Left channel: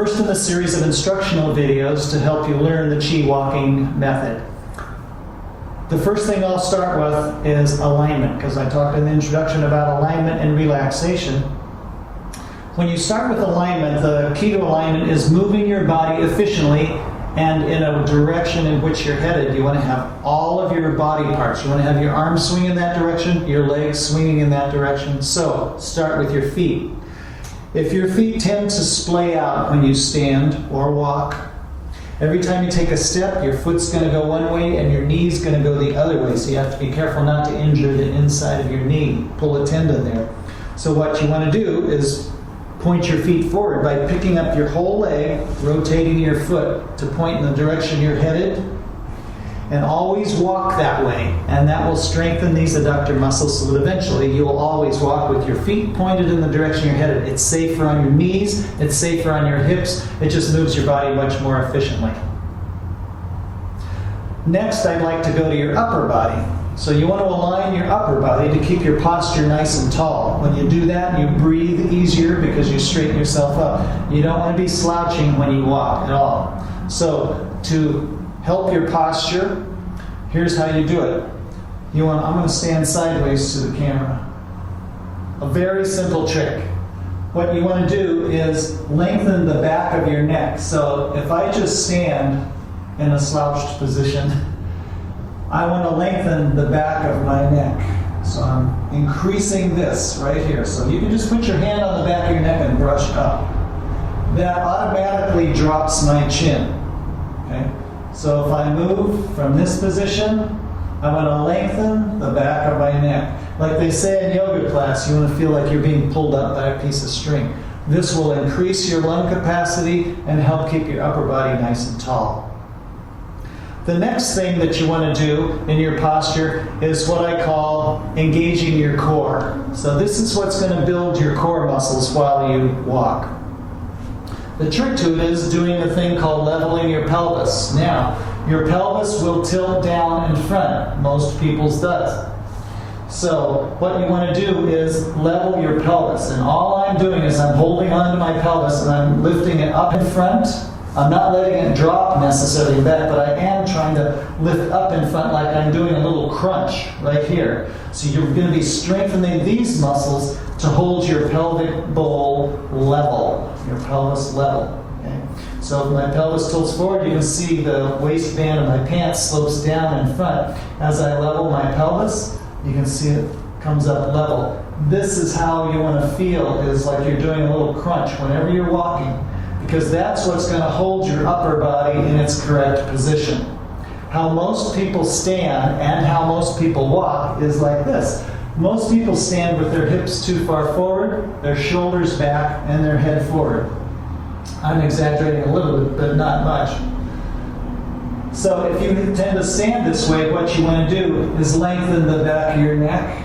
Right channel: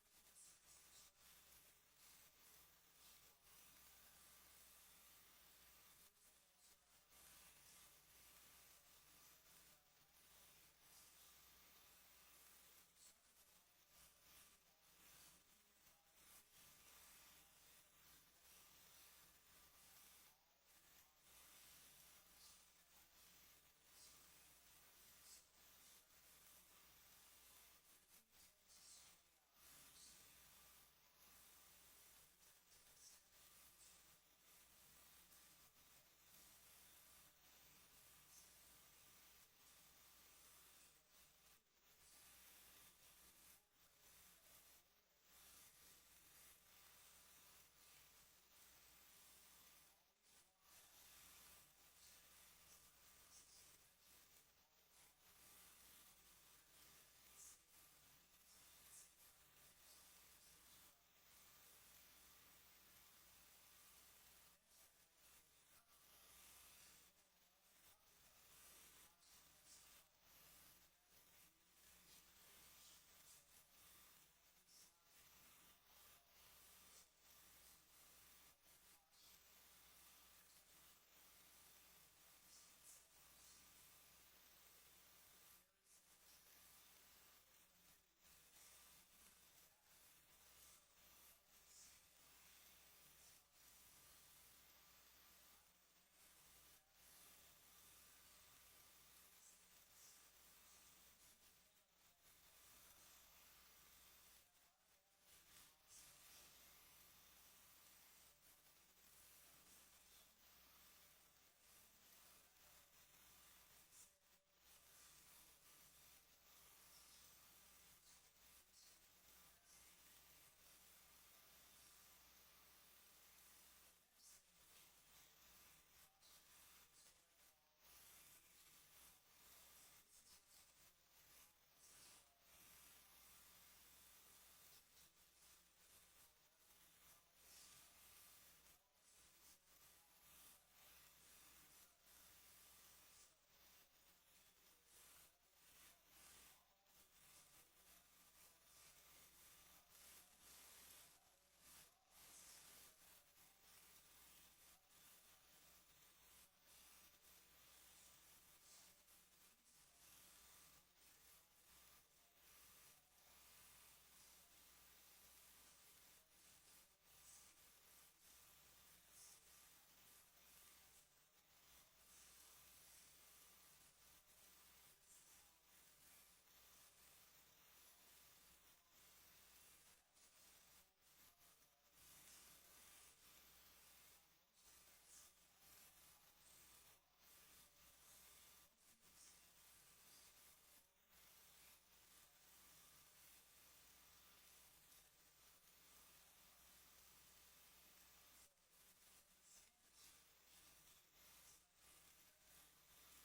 first in a series of instructional videos to help you learn the chi walking method. The first thing I'll start with is alignment, because I talked in the introduction about alignment and relaxation. When you start with alignment, the key to alignment is moving your body efficiently and in a direction in which you're headed. You want to have all of your body parts. You want to have your arms swing in that direction, your legs swinging in that direction. So start with your feet. If your feet tend to splay out when you stand or walk, every time you take a step, your foot's going to go one way and your knee's going to go the other way. So you have to be careful not to injure the inside of your knee, pull a tendon there. So what you want to do is point your feet forward by picking up your whole leg, rotating your foot to point in the direction you're headed, and always walk that way. And that will strengthen these adductor muscles so that eventually you will always walk with your feet pointed in the direction you're headed. It's safer on your knees, it's safer on your hips, it just moves your body much more efficiently. Next, I'd like to go to your upper body. So you want to align your upper body to keep your posture nice and tall. When you do that, you breathe easier because you straighten yourself up. You don't want to be slouching when you walk at all. So to help your posture, here's how you do it. I'm going to stand sideways to the camera. A very simple trick. What you want to do is lengthen the back of your neck. So if I just stand in a slouched position, I want to lengthen the back of my neck. So I'm increasing this right here. So you can just put your hand on the back of your neck and brush up. That automatically drops my chin. Okay? So if I move from this position, I want to lengthen the back of my neck. Like they say in yoga class, you want to feel like you're being pulled up by a piece of string. This will increase your lung capacity and help keep your upper body nice and tall. The next thing that you want to do in your posture is what I call engaging your core. So this is what's going to build your core muscles while you walk. The trick to it is doing a thing called leveling your pelvis. Now, your pelvis will tilt down in front. Most people's does. So what you want to do is level your pelvis. And all I'm doing is I'm holding onto my pelvis and I'm lifting it up in front. I'm not letting it drop necessarily back, but I am trying to lift up in front like I'm doing a little crunch right here. So you're going to be strengthening these muscles to hold your pelvic bowl level, your pelvis level. Okay? So if my pelvis tilts forward, you can see the waistband of my pants slopes down in front. As I level my pelvis, you can see it comes up level. This is how you want to feel, is like you're doing a little crunch whenever you're walking, because that's what's going to hold your upper body in its correct position. How most people stand and how most people walk is like this. Most people stand with their hips too far forward, their shoulders back, and their head forward. I'm exaggerating a little bit, but not much. So if you tend to stand this way, what you want to do is lengthen the back of your neck.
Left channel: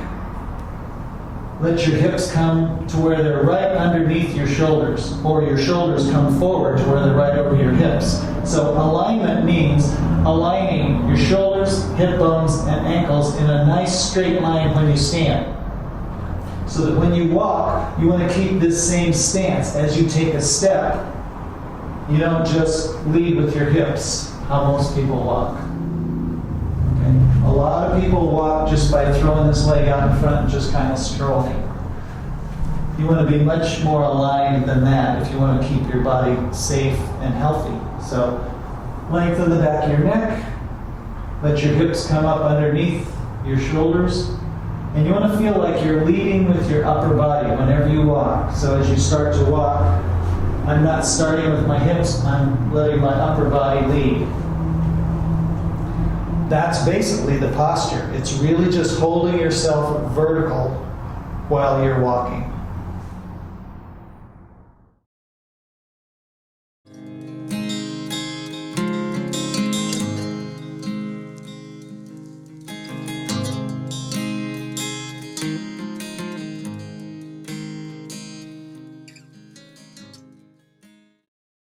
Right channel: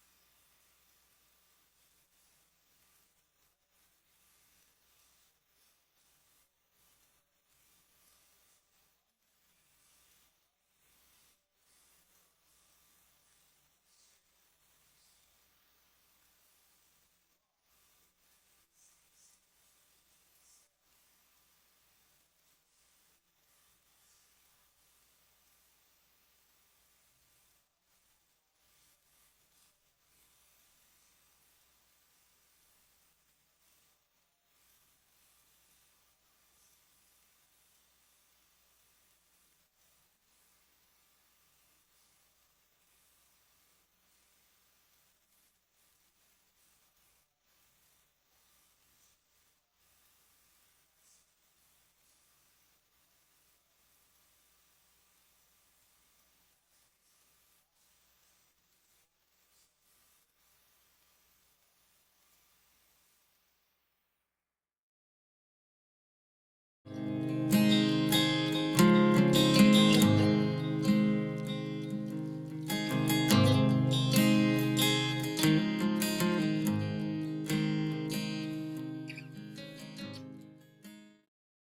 Let your hips come to where they're right underneath your shoulders, or your shoulders come forward to where they're right over your hips. So alignment means aligning your shoulders, hip bones, and ankles in a nice straight line when you stand. So that when you walk, you want to keep this same stance. As you take a step, you don't just lead with your hips, how most people walk. A lot of people walk just by throwing this leg out in front and just kind of strolling. You want to be much more aligned than that if you want to keep your body safe and healthy. So lengthen the back of your neck, let your hips come up underneath your shoulders, and you want to feel like you're leading with your upper body whenever you walk. So as you start to walk, I'm not starting with my hips, I'm letting my upper body lead. That's basically the posture. It's really just holding yourself vertical while you're walking.